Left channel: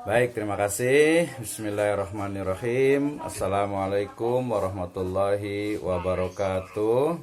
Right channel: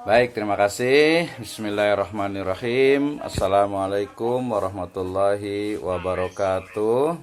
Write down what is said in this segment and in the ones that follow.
Baik, terima kasih. Bismillahirrahmanirrahim. Assalamualaikum warahmatullahi wabarakatuh.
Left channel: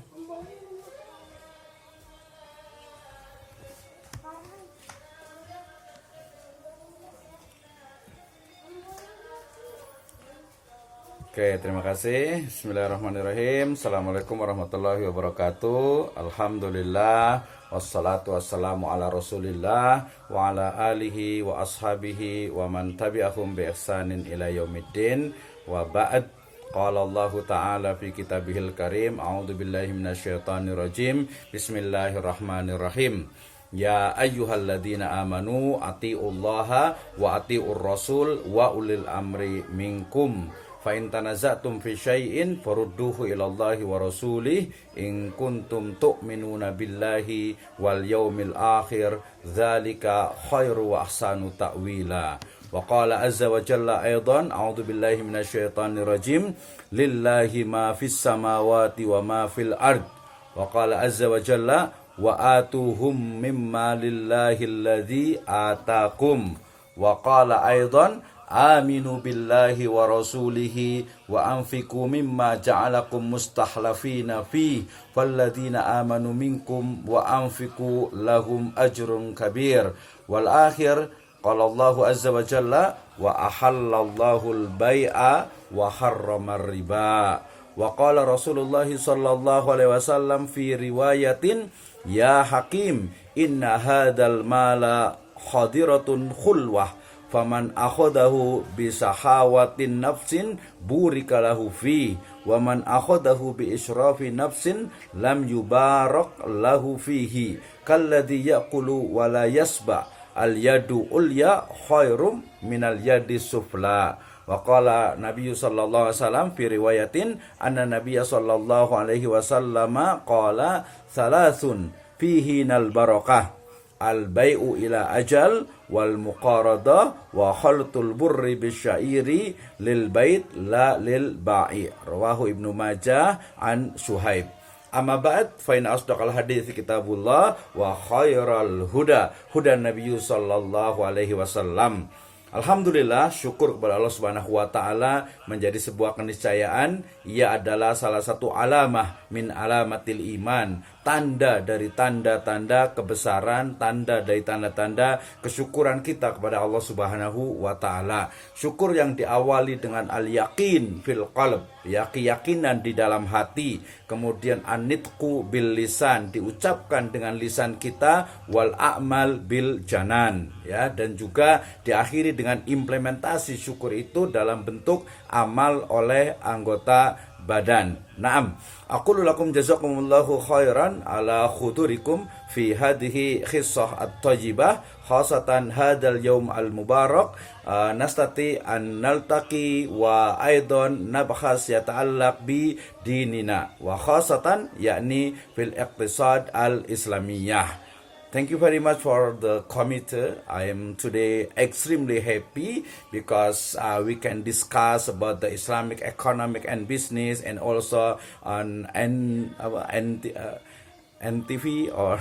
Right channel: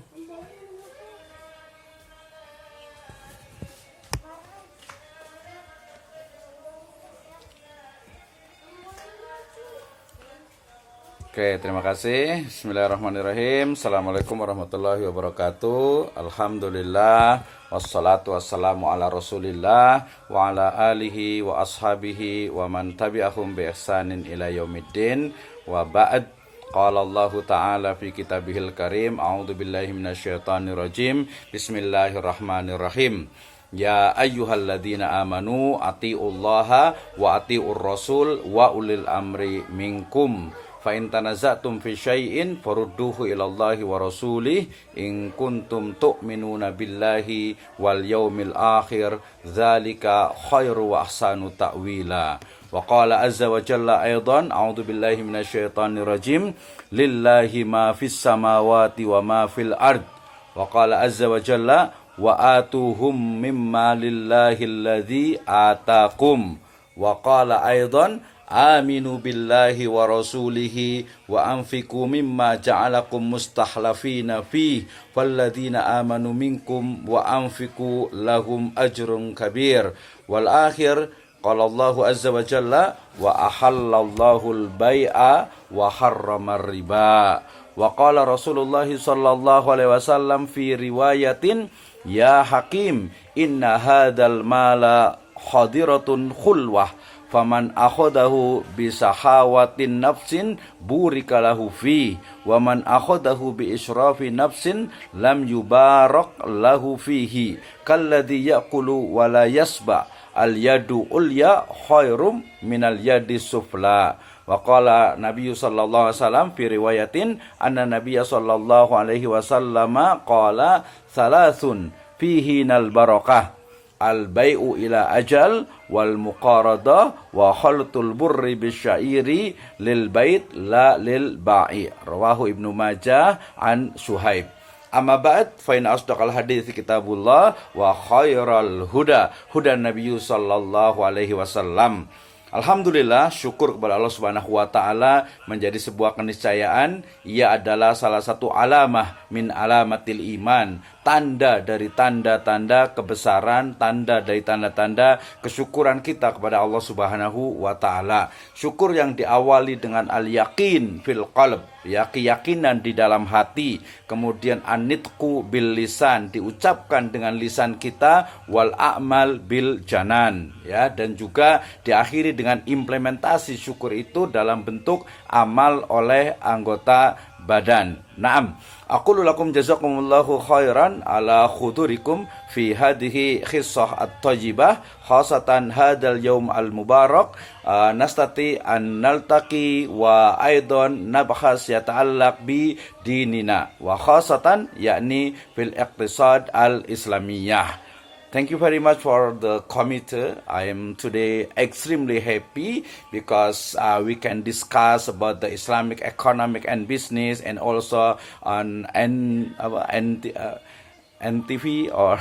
Oke, terima kasih. Bismillahirrahmanirrahim. Assalamualaikum warahmatullahi wabarakatuh. Alhamdulillah. Wassalatu wassalamu ala rasulillah wa ala alihi wa ashabihi wa man tabi'ahum bi ihsanin ila yaumiddin wa ba'd. Qala Allah Ta'ala fi kitabihil karim. A'udzu billahi minasyaitonir rajim. Bismillahirrahmanirrahim. Ya ayyuhalladzina amanu atiullaha wa atiur rasul wa ulil amri minkum. Fa in tanaza'tum fi syai'in farudduhu ilallahi wa rasulih in kuntum tu'minuna billahi wal yaumil akhir dzalika khairu wa ahsanu ta'wila. Wa qala azza wa jalla aidan a'udzu billahi minasyaitonir rajim lillahi ma fis samawati wa ma fil ard. Wa qala azza wa jalla wa atuhum mimma lillahi alladzi atakum. Wa qala aidan aminu billahi wa rasulihi wa anfiqu mimma ja'alakum mustakhlafina fi falladzina amanu minkum wa anfiqu lahum ajrun kabir. Wal akhir qala Allahu azza wa jalla wa ahallallahu al-bai'a wa harramar riba. Wa qala Rasulullah sallallahu alaihi wasallam fi riwayatin ya hakim inna hadzal mala khadiratun khulwah faman akhadahu bisahawatin nafsin burikalahu fi wa man akhadahu bi israfi nafsin lam yubarak lahu fihi kalladhi yaqulu wa la yasba al yadu ulya khairum minal yadi sufla. Wa qala Nabi sallallahu alaihi wasallam fi riwayatin anna Nabiy sallallahu alaihi wasallam qala salasun fihi nal barakah al-bai'u ila ajal wal muqarada wa khaltul burri bisyairi lil bait la lil ba'i. Rawahu Ibnu Majah an Suhaib. Amma ba'd fa in asdaqal hadits kitabullah wa khairal huda Nabi sallallahu alaihi wasallam. Alhamdulillah, syukur kepada Allah Subhanahu wa taala menjadi sebuah keniscayaan. Ia adalah salah satu alamah min alamatil iman, tanda dari tanda-tanda kebesaran, tanda dari tanda-tanda kesyukuran kita kepada Allah Subhanahu wa taala. Syukur yang diawali dengan al-yaqin fil qalb, ya, keyakinan di dalam hati, kemudian an-nitqu bil lisan, diucapkan dengan lisan kita, wal a'mal bil janan, ya, dan juga diakhiri dengan implementasi syukur itu dalam bentuk amal oleh anggota badan. Naam, aqulu lakum jazakumullahu khairan ala khudurikum fi hadhihi khissah at-tajibah khasatan hadal yaum al-mubarak. Nastati an naltaqi wa aidan nabhas yata'allaq bi dinina wa khasatan yakni fil iqtisad al-islamiyah. Thank you very much for the committee. I am today extremely happy because we can discuss about the Islamic economic and business, and also on NTV or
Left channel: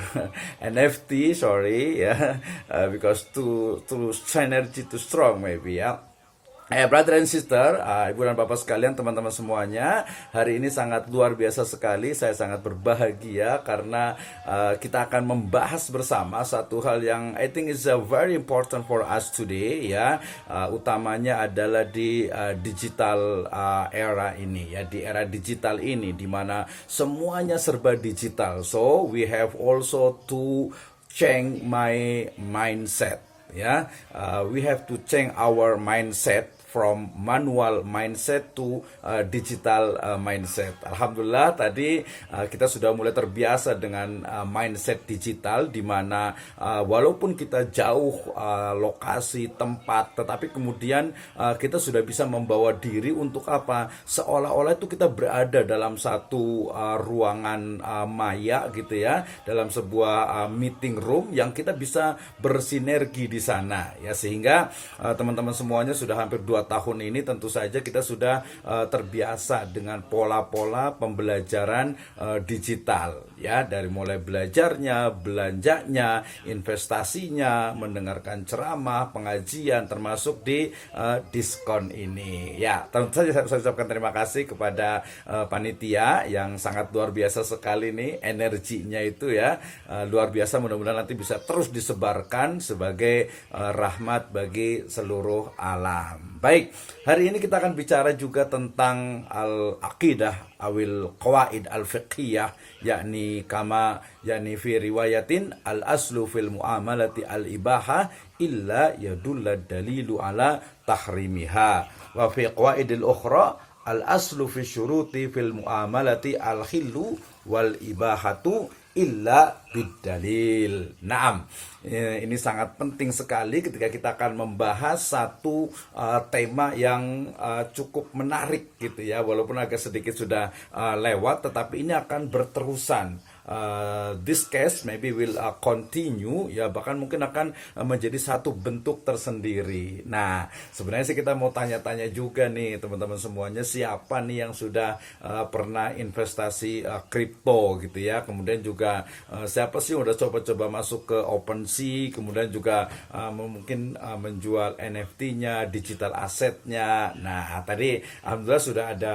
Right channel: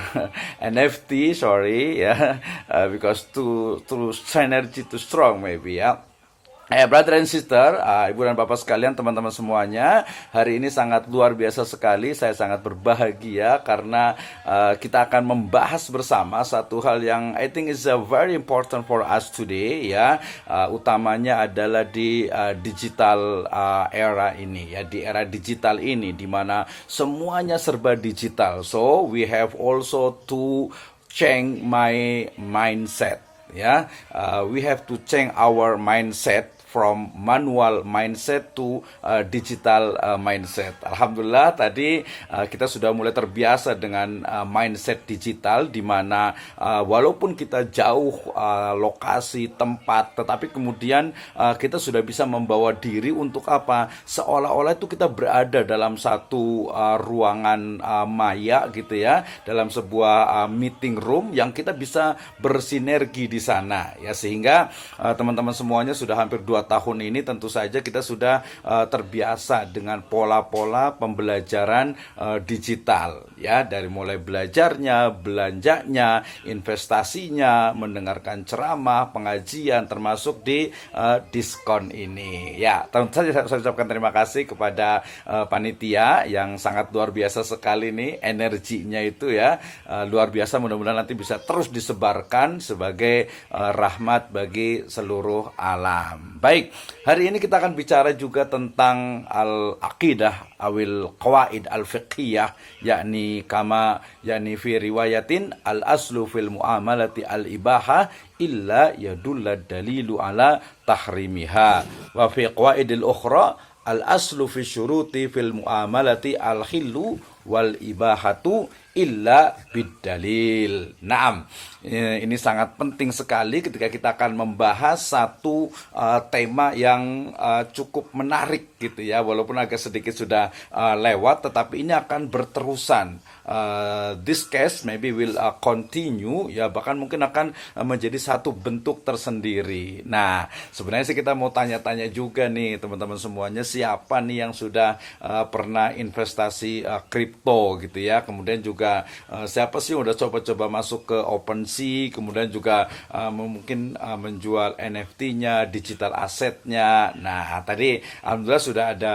NFT, sorry, yeah, because too synergy too strong maybe, yeah. Brother and sister, ibu dan bapak sekalian, teman-teman semuanya, hari ini sangat luar biasa sekali. Saya sangat berbahagia karena kita akan membahas bersama satu hal yang I think is very important for us today, ya. Utamanya adalah di digital era ini, ya, di era digital ini di mana semuanya serba digital. So we have also to change my mindset, ya. We have to change our mindset from manual mindset to digital mindset. Alhamdulillah tadi kita sudah mulai terbiasa dengan mindset digital, di mana walaupun kita jauh lokasi tempat, tetapi kemudian kita sudah bisa membawa diri untuk apa? Seolah-olah itu kita berada dalam satu ruangan maya gitu, ya, dalam sebuah meeting room yang kita bisa bersinergi di sana, ya, sehingga teman-teman semuanya sudah hampir 2 tahun ini tentu saja kita sudah terbiasa dengan pola-pola pembelajaran digital ya, dari mulai belajarnya, belanjanya, investasinya, mendengarkan ceramah, pengajian, termasuk di diskon ini. Ya, tentu saja saya ucapkan terima kasih kepada panitia yang sangat luar biasa sekali nih, energinya itu ya luar biasa. Mudah-mudahan nanti bisa terus disebarkan sebagai rahmat bagi seluruh alam. Baik, hari ini kita akan bicara juga tentang al-aqidah awil qawaid al-fiqhiyah, yakni fi riwayatin al-aslu fil muamalati al-ibaha illa yadulla dalilu ala tahrimiha, wa fi qawaidil ukhra al-aslu fi syuruti fil muamalati al-khillu wal ibahatu illa bidalil. Naam, ini sangat penting sekali ketika kita akan membahas satu tema yang cukup menarik gitu ya, walaupun agak sedikit sudah lewat, tetapi ini akan berterusan. This case maybe will continue ya, bahkan mungkin akan menjadi satu bentuk tersendiri. Nah, sebenarnya sih kita mau tanya-tanya juga nih teman-teman semuanya, siapa nih yang sudah pernah investasi kripto gitu ya, kemudian juga siapa sih yang udah coba-coba masuk ke OpenSea, kemudian juga mungkin menjual NFT-nya, digital asetnya. Nah, tadi alhamdulillah sudah ada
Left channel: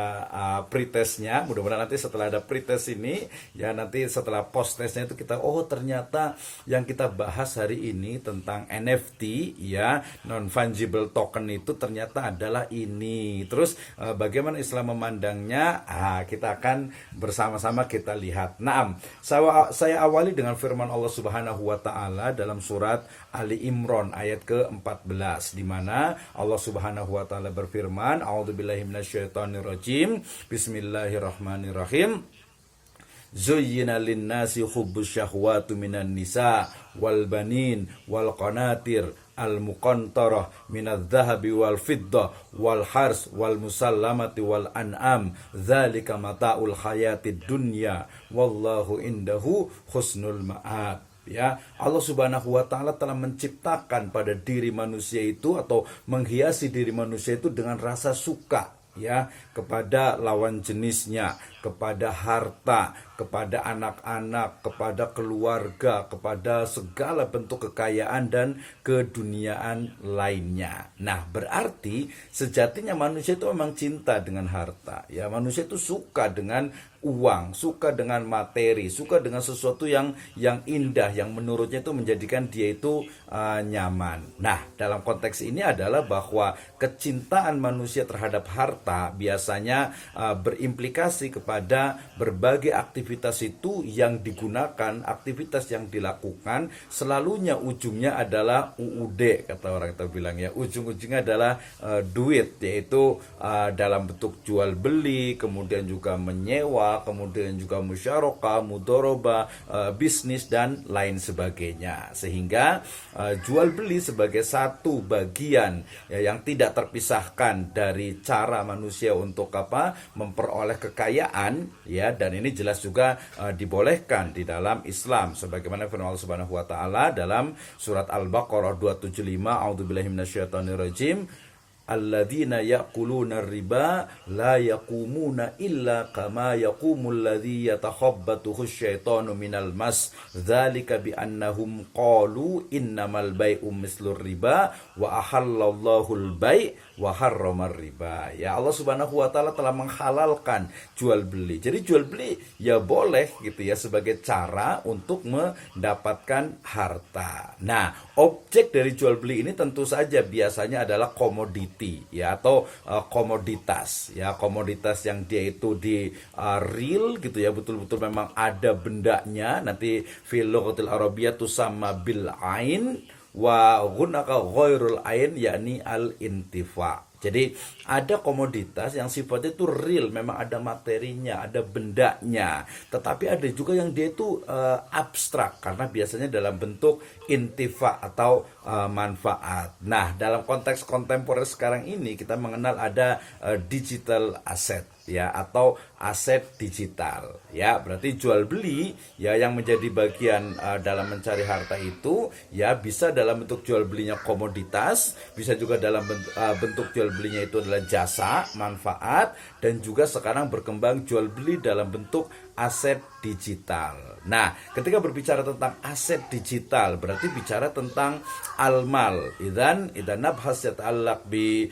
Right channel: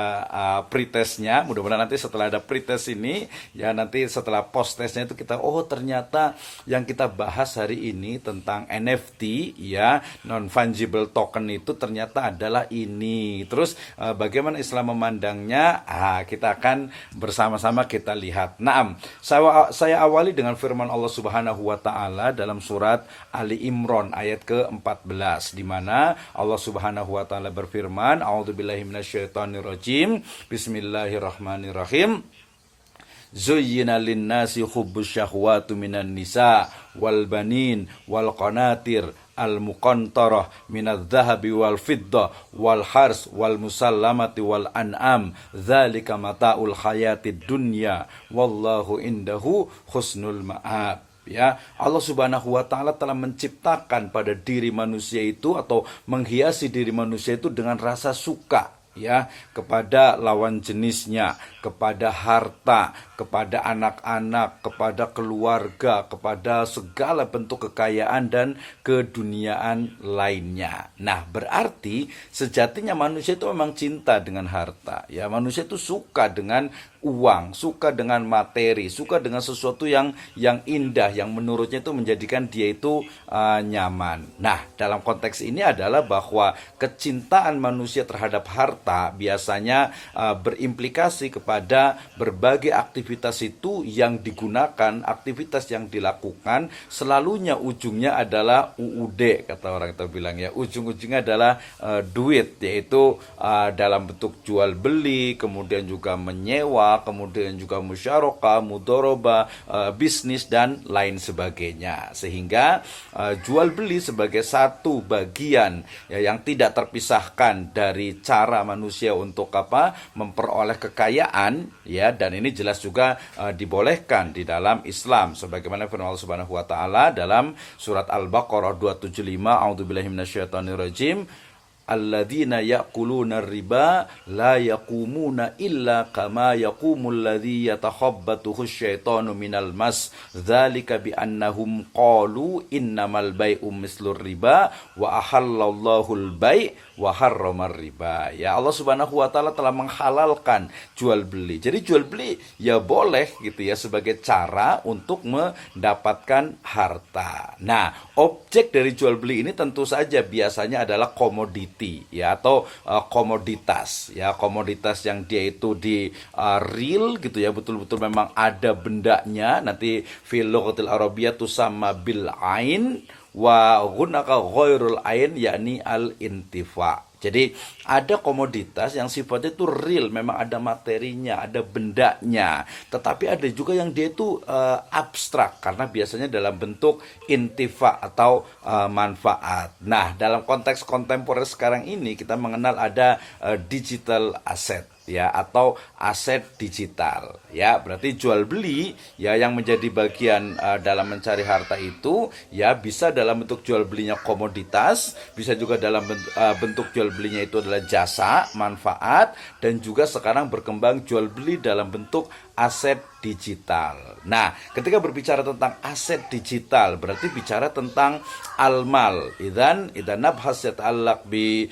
pretestnya. Mudah-mudahan nanti setelah ada pretest ini ya, nanti setelah post testnya itu kita ternyata yang kita bahas hari ini tentang NFT ya, non fungible token itu ternyata adalah ini. Terus bagaimana Islam memandangnya? Kita akan bersama-sama kita lihat. Naam, saya awali dengan firman Allah Subhanahu wa taala dalam surat Ali Imran ayat ke-14, di mana Allah Subhanahu wa taala berfirman, A'udzubillahi minasyaitonirrajim. Bismillahirrahmanirrahim. Zuyyina linnasi hubbus syahwatu minan nisa wal banin wal qanatir al muqantarah minadz zahabi wal fiddah wal hars wal musallamati wal an'am dzalika mataul hayatid dunya wallahu indahu husnul ma'ab. Ya, Allah Subhanahu wa taala telah menciptakan pada diri manusia itu, atau menghiasi diri manusia itu dengan rasa suka ya kepada lawan jenisnya, kepada harta, kepada anak-anak, kepada keluarga, kepada segala bentuk kekayaan dan keduniaan lainnya. Nah, berarti sejatinya manusia itu memang cinta dengan harta. Ya, manusia itu suka dengan uang, suka dengan materi, suka dengan sesuatu yang indah, yang menurutnya itu menjadikan dia itu nyaman. Nah, dalam konteks ini adalah bahwa kecintaan manusia terhadap harta biasanya berimplikasi kepada berbagai aktivitas itu yang digunakan, aktivitas yang dilakukan, selalunya ujungnya adalah UUD, kata orang kita bilang ya, ujung-ujungnya adalah duit, yaitu dalam bentuk jual beli, kemudian juga menyewa, kemudian juga musyarakah, mudoroba, bisnis dan lain sebagainya. Sehingga jual beli sebagai satu bagian ya, yang tidak terpisahkan dari cara manusia untuk memperoleh kekayaan ya, dan ini jelas juga dibolehkan di dalam Islam sebagaimana firman Allah Subhanahu wa taala dalam surat Al-Baqarah 275, A'udzubillahi minasyaitonirrajim. Alladzina ya'kuluna riba la yaqumuna illa kama yaqumul ladzi yatakhabbathu syaitanu minal mas dzalika bi annahum qalu innamal bai'u mislur riba wa ahallallahu al-bai' wa harramar riba. Ya, Allah Subhanahu wa taala telah menghalalkan jual beli. Jadi jual beli ya boleh gitu ya, sebagai cara untuk mendapatkan harta. Nah, objek dari jual beli ini tentu saja biasanya adalah komoditi ya, atau komoditas ya, komoditas yang dia itu di real gitu ya, betul-betul memang ada bendanya. Nanti fil lughatil arabiyyah tusamma bil ain wa ghunaka ghairul ain, yakni al intifa. Jadi ada komoditas yang sifatnya itu real, memang ada materinya, ada bendanya. Tetapi ada juga yang dia itu abstrak, karena biasanya dalam bentuk intifa atau manfaat. Nah, dalam konteks kontemporer sekarang ini kita mengenal ada digital asset ya, atau aset digital ya. Berarti jual beli ya yang menjadi bagian dalam mencari harta itu ya bisa dalam bentuk jual belinya komoditas, bisa juga dalam bentuk jual belinya itu adalah jasa, manfaat, dan juga sekarang berkembang jual beli dalam bentuk aset digital. Nah, ketika berbicara tentang aset digital berarti bicara tentang al-mal. Idan nabhas yata'allaq bi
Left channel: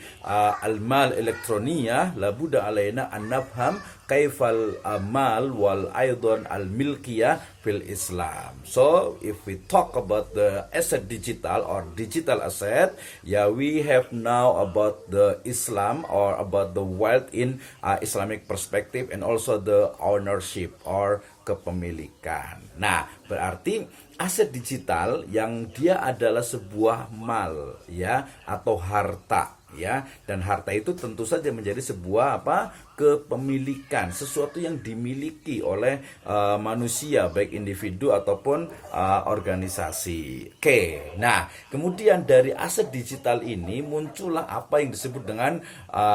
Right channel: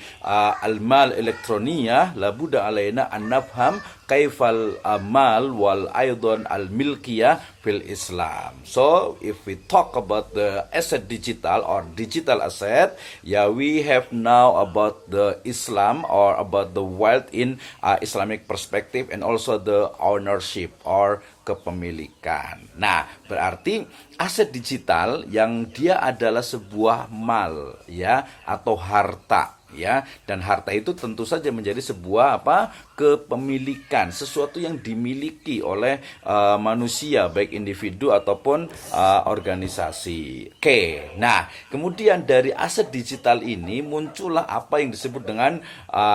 al-mal elektroniyah labuda alaina an nafham kaifal mal wal aidan al-milkiyah fil Islam. So, if we talk about the asset digital or digital asset, yeah, we have now about the Islam or about the wealth in Islamic perspective and also the ownership or kepemilikan. Nah, berarti aset digital yang dia adalah sebuah mal ya atau harta ya, dan harta itu tentu saja menjadi sebuah kepemilikan, sesuatu yang dimiliki oleh manusia baik individu ataupun organisasi. Oke. Nah, kemudian dari aset digital ini muncullah apa yang disebut dengan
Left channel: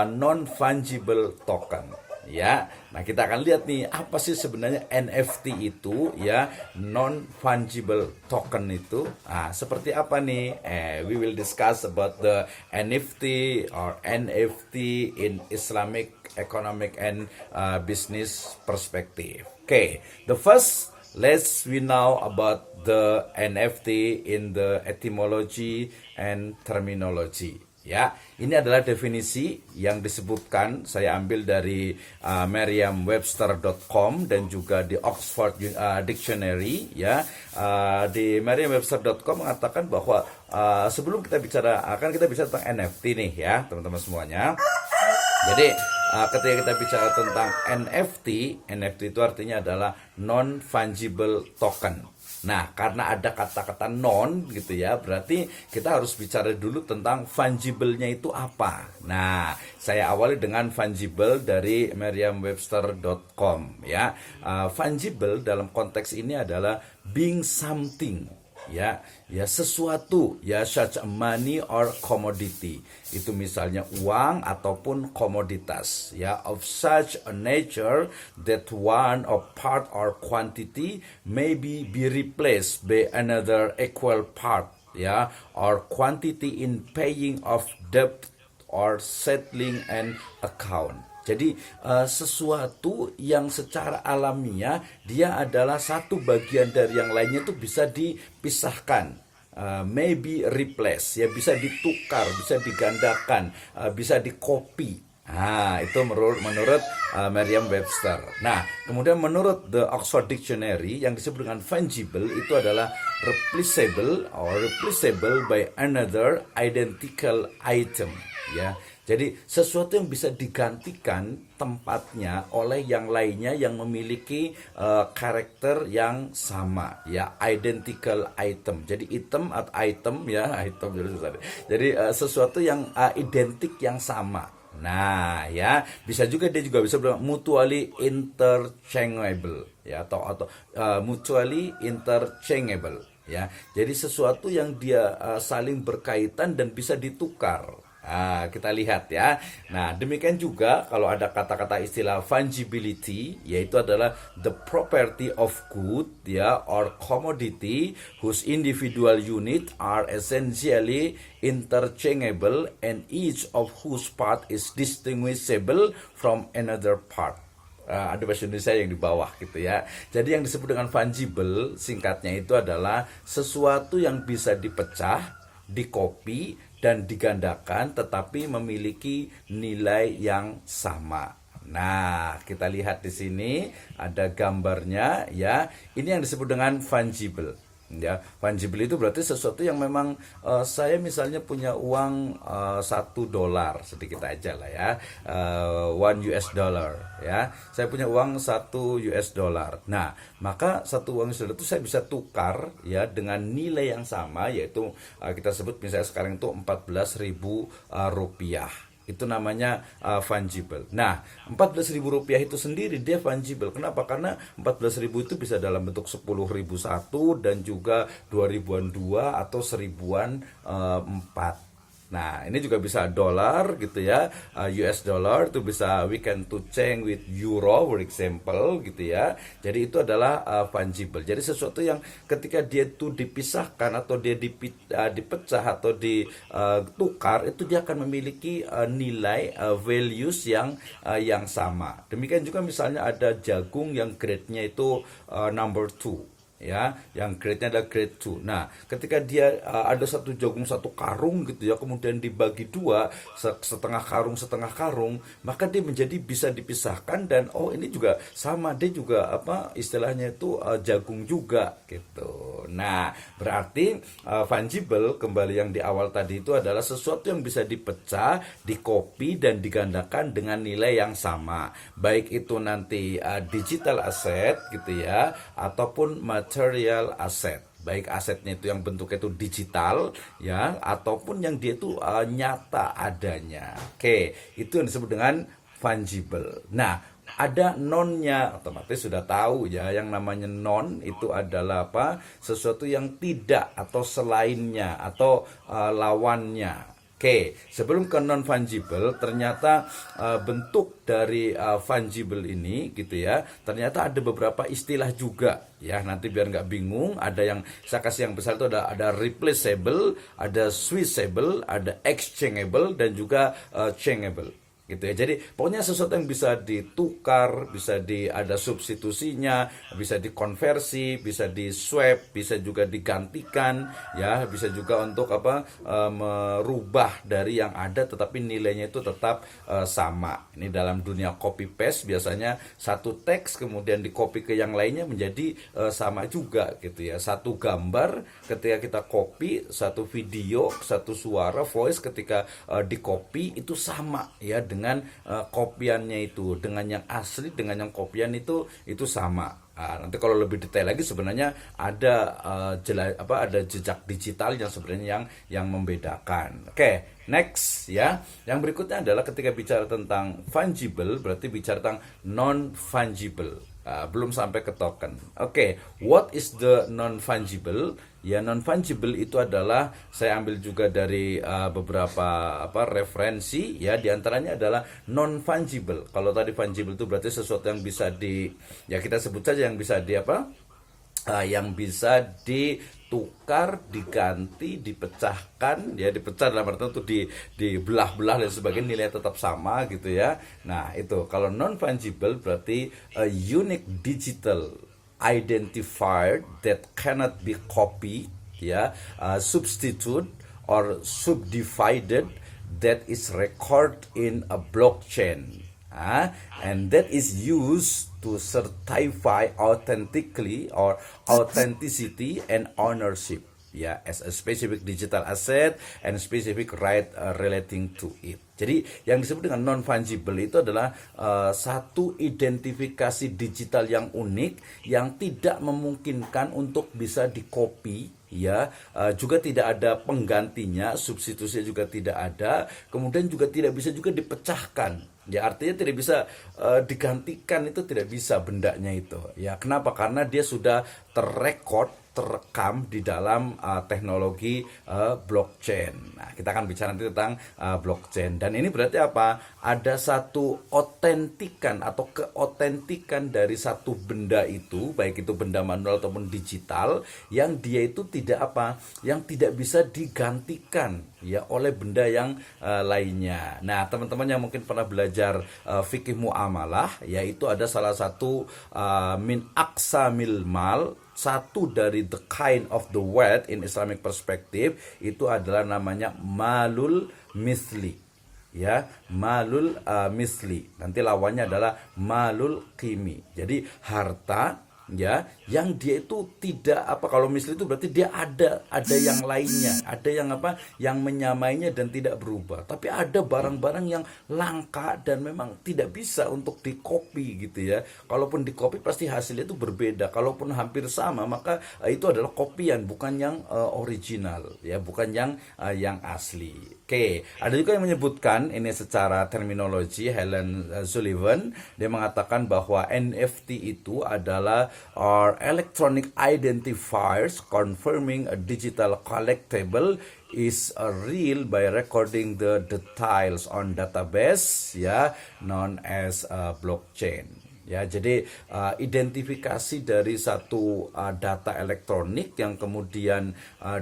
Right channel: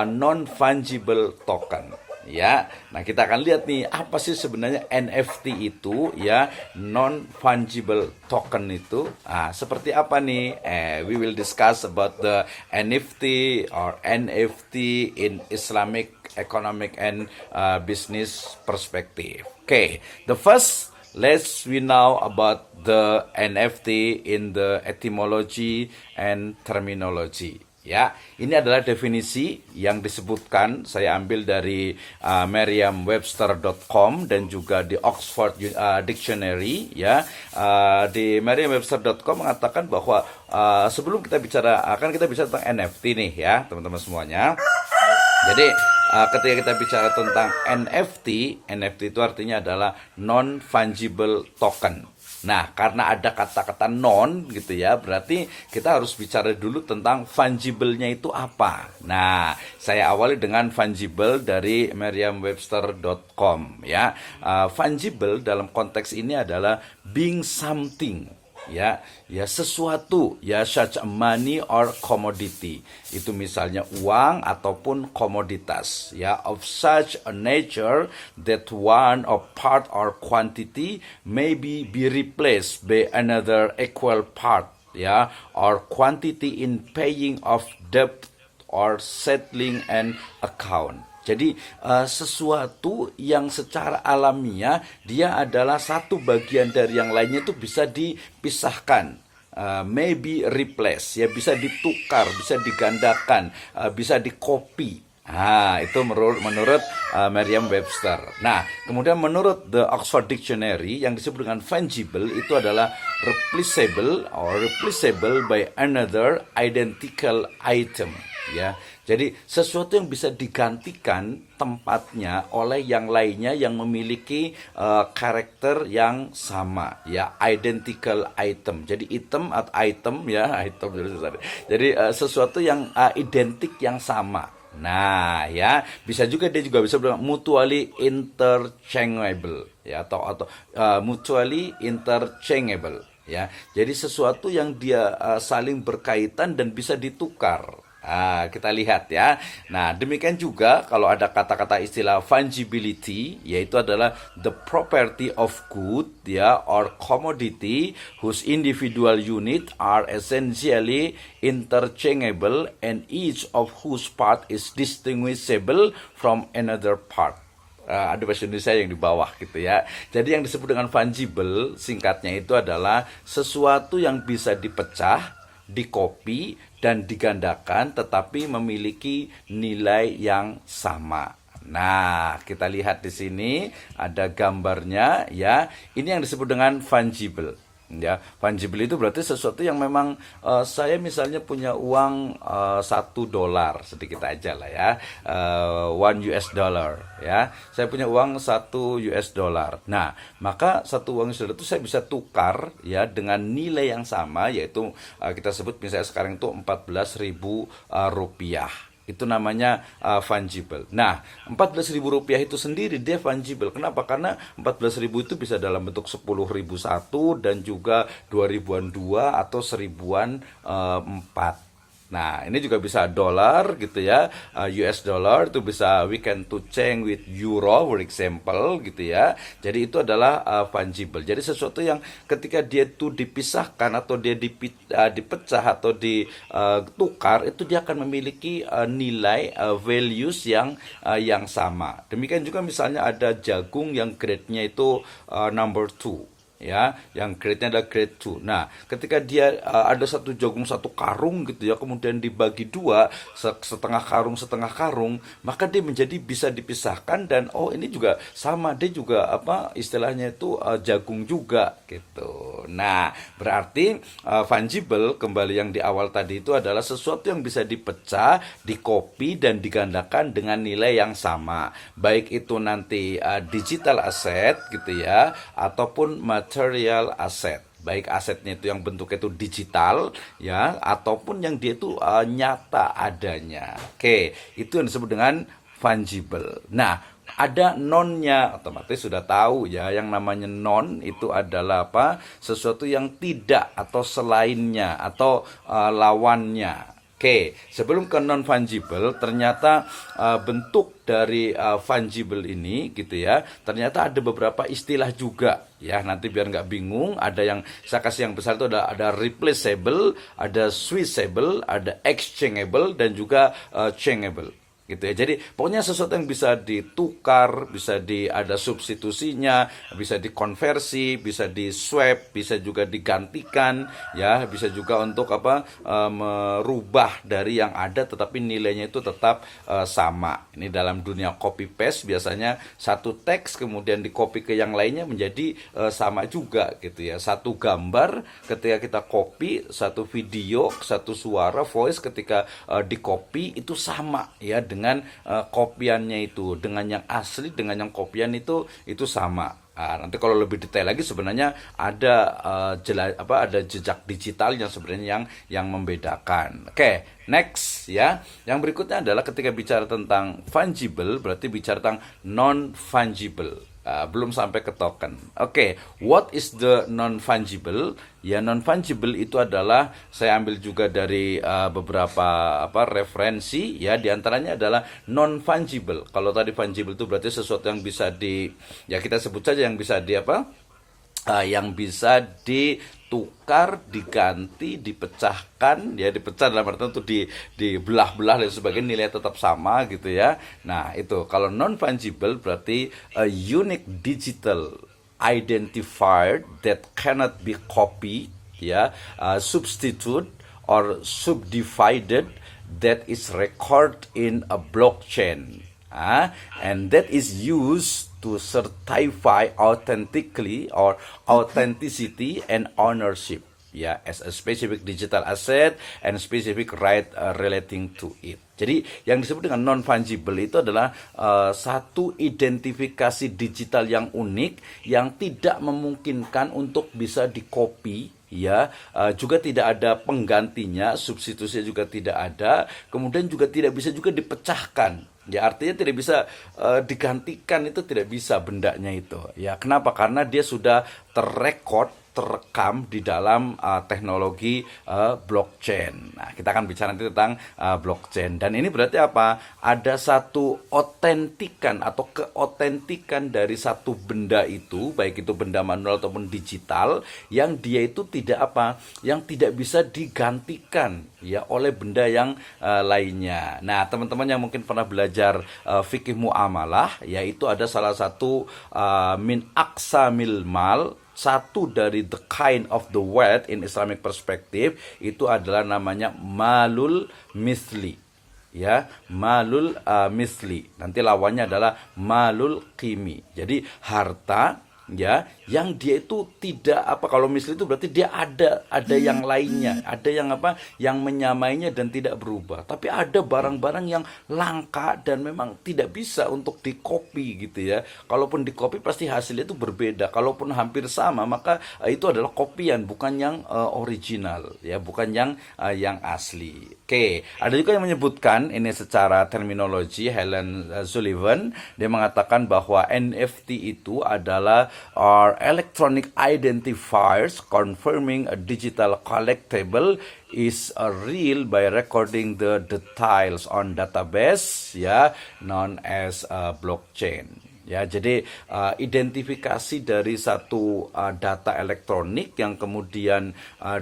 non fungible token. Ya, nah kita akan lihat nih apa sih sebenarnya NFT itu ya, non fungible token itu. Seperti apa nih? We will discuss about the NFT or NFT in Islamic economic and business perspective. Okay, the first we know about the NFT in the etymology and terminology. Ya, ini adalah definisi yang disebutkan, saya ambil dari merriam-webster.com dan juga di Oxford Dictionary ya. Di merriam-webster.com mengatakan bahwa sebelum kita bicara tentang NFT nih ya, teman-teman semuanya. Jadi ketika kita bicara tentang NFT itu artinya adalah non fungible token. Nah, karena ada kata-kata non gitu ya, berarti kita harus bicara dulu tentang fungible-nya itu apa. Nah, saya awali dengan fungible dari merriam-webster.com ya. Fungible dalam konteks ini adalah being something. Ya sesuatu ya, such a money or commodity, itu misalnya uang ataupun komoditas ya, of such a nature that one of part or quantity may be replaced by another equal part ya, or quantity in paying of debt or settling an account. Jadi sesuatu yang secara alamiah dia adalah satu bagian dari yang lainnya itu bisa dipisahkan, maybe replace ya, bisa ditukar, bisa digandakan, bisa di-copy. Itu menurut Merriam-Webster. Nah, kemudian menurut the Oxford Dictionary yang disebut dengan fungible itu adalah replaceable or replaceable by another identical item ya. Jadi sesuatu yang bisa digantikan tempatnya oleh yang lainnya yang memiliki karakter yang sama ya, identical item. Jadi item atau item ya, jadi sesuatu yang identik yang sama. Nah ya, bisa juga dia juga bisa bilang mutually interchangeable ya, atau mutually interchangeable ya. Jadi sesuatu yang dia saling berkaitan dan bisa ditukar. Kita lihat ya. Nah, demikian juga kalau ada kata-kata istilah fungibility, yaitu adalah the property of good ya or commodity whose individual unit are essentially interchangeable and each of whose part is distinguishable from another part. Ada bahasa Indonesia yang di bawah gitu ya. Jadi yang disebut dengan fungible singkatnya itu adalah sesuatu yang bisa dipecah, dikopi, dan digandakan tetapi memiliki nilai yang sama. Nah, kita lihat di sini ada gambarnya ya. Ini yang disebut dengan fungible. Ya, fungible itu berarti sesuatu yang memang saya misalnya punya uang $1 sedikit aja lah ya, $1 ya. Saya punya uang $1. Nah, maka satu uang $1 itu saya bisa tukar ya dengan nilai yang sama, yaitu kita sebut misalnya sekarang itu 14.000 rupiah. Itu namanya fungible. Nah, 14.000 rupiah itu sendiri dia fungible. Kenapa? Karena 14.000 itu bisa dalam bentuk 10.000 satu dan juga 2.000-an 2 atau 1.000-an 4. Nah, ini juga bisa dolar gitu ya, US dollar itu bisa we can to change with euro for example gitu ya. Jadi itu adalah fungible. Jadi sesuatu yang ketika dia itu dipisahkan atau dia dipecah atau ditukar itu dia akan memiliki nilai values yang sama. Demikian juga misalnya ada jagung yang grade-nya itu number 2 ya, yang grade-nya adalah grade 2. Nah, ketika dia ada satu jagung satu karung gitu ya, kemudian dibagi dua, setengah karung, maka dia menjadi bisa dipisahkan dan oh ini juga sama, dia juga apa istilahnya itu jagung juga gitu. Nah, berarti fungible kembali yang di awal tadi itu adalah sesuatu yang bisa dipecah, dikopi dan digandakan dengan nilai yang sama. Baik itu nanti digital asset gitu ya, ataupun material asset. Baik asetnya itu yang bentuknya itu digital ya, ataupun yang dia itu nyata adanya. Oke, itu yang disebut dengan fungible. Nah, ada nonnya, otomatis sudah tahu ya, yang namanya non itu adalah apa? Sesuatu yang tidak atau selainnya atau lawannya. Oke, sebelum ke non fungible, ternyata bentuk dari fungible ini gitu ya, ternyata ada beberapa istilah juga ya. Nanti biar nggak bingung, ada yang saya kasih yang besar itu ada replaceable, ada switchable, ada exchangeable dan juga changeable gitu ya. Jadi pokoknya sesuatu yang bisa ditukar, bisa ada substitusinya, bisa dikonversi, bisa di swap, bisa juga digantikan ya, bisa juga untuk apa merubah dari yang ada tetapi nilainya itu tetap sama. Ini dalam dunia copy paste biasanya satu teks kemudian di copy ke yang lainnya menjadi sama juga gitu ya. Satu gambar ketika kita copy, satu video, satu suara voice ketika di copy itu sama ya dengan kopiannya itu, dengan yang asli dengan yang kopian itu sama. Nah, nanti kalau lebih detail lagi sebenarnya ada ada jejak digital yang sebenarnya yang membedakan. Oke, next ya. Yang berikutnya adalah ketika bicara tentang fungible berarti bicara tentang non fungible. Belum sampai ke token. Oke, what is the non fungible? Ya, non fungible itu adalah saya ambil juga dari beberapa referensi ya, diantaranya adalah non fungible. Kalau tadi fungible itu berarti sesuatu yang bisa ya kita sebut saja yang bisa yang bisa ditukar, diganti, dipecahkan ya, dipecah dalam artian itu dibelah-belah dan sebagainya, nilai tetap sama gitu ya. Nah, itu kalau non fungible berarti a unique digital identifier that cannot be copied ya, substitute or subdivided, that is recorded in a blockchain and that is used to certify authentically or authenticity and ownership ya, as a specific digital asset and specific right relating to it. Jadi yang disebut dengan non fungible itu adalah satu identifikasi digital yang unik yang tidak memungkinkan untuk bisa dikopi ya, juga tidak ada penggantinya, substitusinya juga tidak ada, kemudian juga tidak bisa juga dipecahkan. Ya, artinya tidak bisa digantikan, itu tidak bisa bendanya itu. Ya, kenapa? Karena dia sudah terekam di dalam teknologi blockchain. Nah, kita akan bicara nanti tentang blockchain. Dan ini berarti apa? Ada satu otentikan atau keotentikan dari satu benda itu, baik itu benda manual ataupun digital, yang dia itu yang tidak bisa digantikan ya oleh benda yang lainnya. Nah, teman-teman yang mungkin pernah belajar fikih muamalah, yaitu ada salah satu min aqsamil mal, satu dari the kind of the wealth in Islamic perspective itu adalah namanya malul misli ya, malul misli. Nanti lawannya adalah malul qimi. Jadi harta ya yang dia itu tidak kalau misli itu berarti dia ada yang lainnya, ada yang menyamainya dan tidak berubah. Tapi ada barang-barang yang langka dan memang tidak bisa untuk dikopi gitu ya. Kalaupun dikopi pasti hasilnya itu berbeda. Kalaupun hampir sama maka itu adalah kopian, bukan yang original ya, bukan yang asli. Oke, ada juga yang menyebutkan ini secara terminologi, Helen Sullivan, dia mengatakan bahwa NFT itu adalah are electronic identifiers confirming a digital collectible is real by recording the details on database, ya, known as blockchain. Ya, jadi identifikasi dari satu data elektronik yang kemudian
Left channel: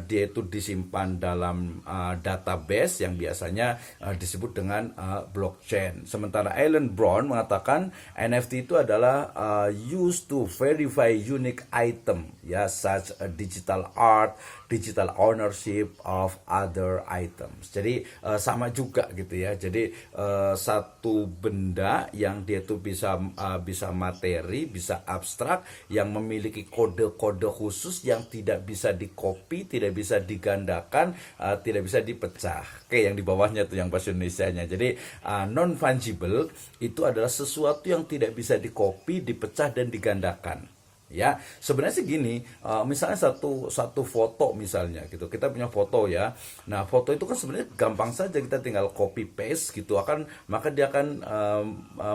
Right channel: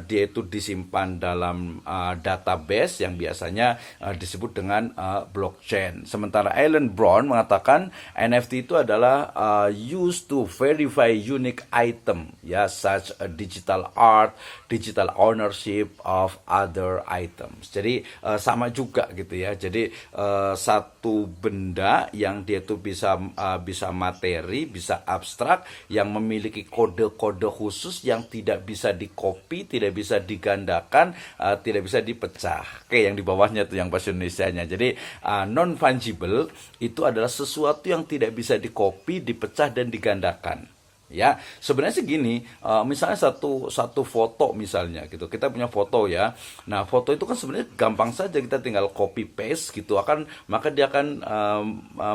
dia itu disimpan dalam database yang biasanya disebut dengan blockchain. Sementara Alan Brown mengatakan NFT itu adalah used to verify unique item, ya, such a digital art, digital ownership of other items. Jadi sama juga gitu ya. Jadi satu benda yang dia itu bisa materi, bisa abstrak, yang memiliki kode-kode khusus yang tidak bisa dikopi, tidak bisa digandakan, tidak bisa dipecah. Oke, yang di bawahnya tuh yang bahasa Indonesianya. Jadi non fungible itu adalah sesuatu yang tidak bisa dikopi, dipecah dan digandakan. Ya, sebenarnya sih gini, misalnya satu foto misalnya gitu, kita punya foto ya. Nah, foto itu kan sebenarnya gampang saja, kita tinggal copy paste gitu, maka dia akan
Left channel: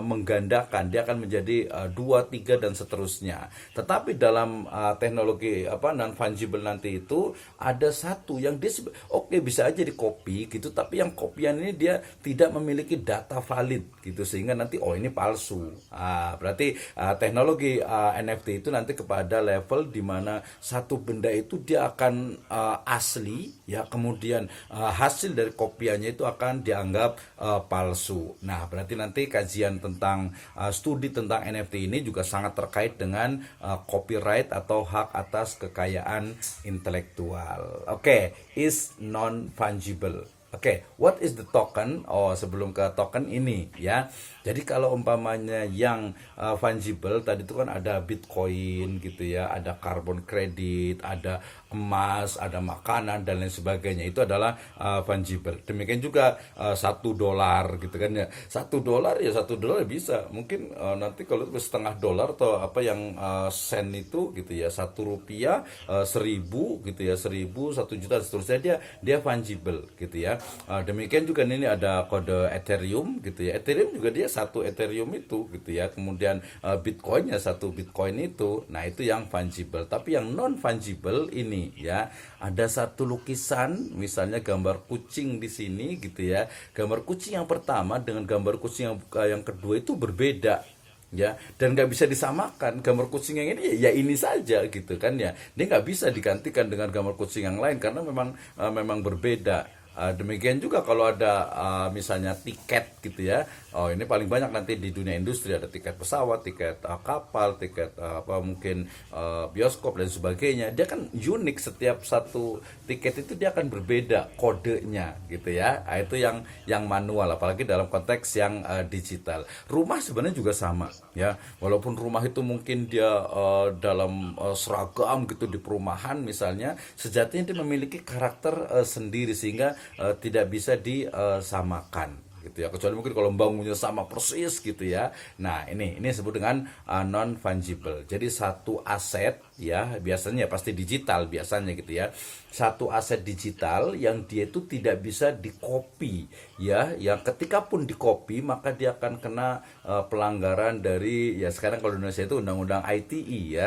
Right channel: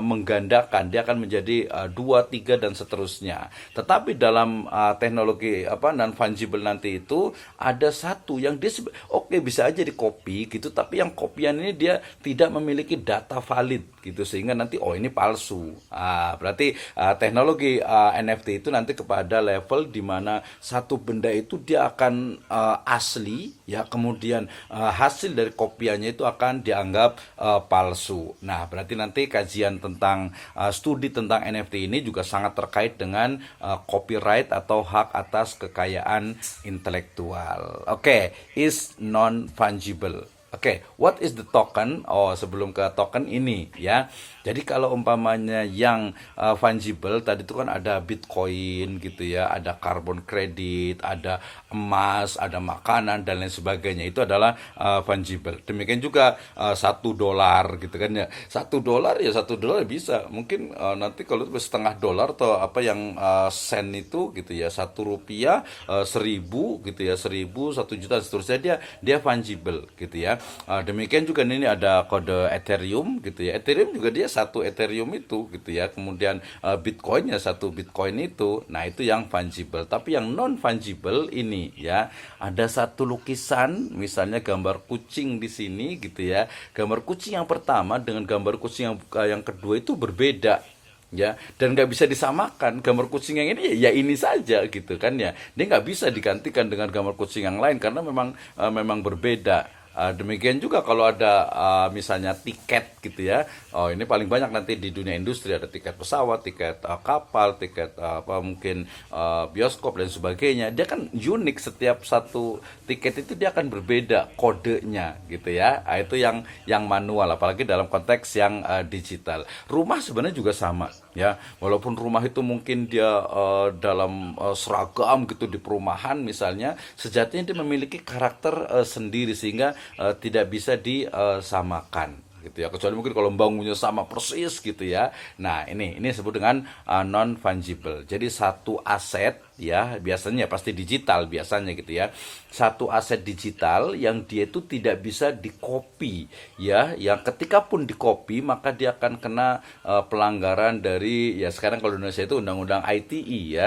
menggandakan, dia akan menjadi 2, 3 dan seterusnya. Tetapi dalam teknologi non fungible nanti itu ada satu yang dia bisa aja di copy gitu, tapi yang kopian ini dia tidak memiliki data valid gitu, sehingga nanti ini palsu. Berarti teknologi NFT itu nanti kepada level di mana satu benda itu dia akan asli, ya, kemudian hasil dari kopiannya itu akan dianggap palsu. Nah, berarti nanti kajian tentang studi tentang NFT ini juga sangat terkait dengan copyright atau hak atas kekayaan intelektual. Is non fungible. What is the token? Sebelum ke token ini, ya. Jadi kalau umpamanya yang fungible tadi itu kan ada Bitcoin gitu ya, ada carbon credit, ada emas, ada makanan dan lain sebagainya, itu adalah fungible. Demikian juga $1 gitu kan ya. $1 ya $1 bisa. Mungkin nanti kalau $0,5 atau apa yang sen itu gitu ya, Rp1, 1.000 gitu ya, 1.000, 1 juta seterusnya, dia fungible gitu ya. Demikian juga ini ada kode Ethereum gitu ya. Ethereum juga dia satu Ethereum itu gitu ya. Kemudian Bitcoinnya satu Bitcoin itu. Nah, itu yang fungible. Tapi yang non fungible ini ya, ada satu lukisan misalnya gambar kucing di sini gitu ya. Gambar kucing yang pertama dengan gambar kucing yang kedua itu berbeda. Ya, dan nggak bisa disamakan. Gambar kucing yang ini ya ini saja gitu kan ya. Dia nggak bisa digantikan dengan gambar kucing yang lain karena memang berbeda. Demikian juga kalau ada misalnya tiket gitu ya. Ini paling banyak nanti di dunia industri, ada tiket pesawat, tiket kapal, tiket mungkin bioskop dan sebagainya. Dia kan unik, setiap satu tiket itu dia akan berbeda kodenya gitu ya. Itu yang manual, apalagi dalam konteks yang digital. Rumah sebenarnya juga sama ya. Walaupun rumah itu mungkin dia dalam seragam gitu di perumahan misalnya, sejatinya dia memiliki karakter sendiri sehingga tidak bisa disamakan gitu ya, kecuali mungkin kalau bangunnya sama persis gitu ya. Nah, ini disebut dengan non fungible. Jadi satu aset ya, biasanya pasti digital biasanya gitu ya. Satu aset digital yang dia itu tidak bisa dikopi ya, yang ketika pun dikopi maka dia akan kena pelanggaran dari, ya sekarang kalau di Indonesia itu undang-undang ITE ya.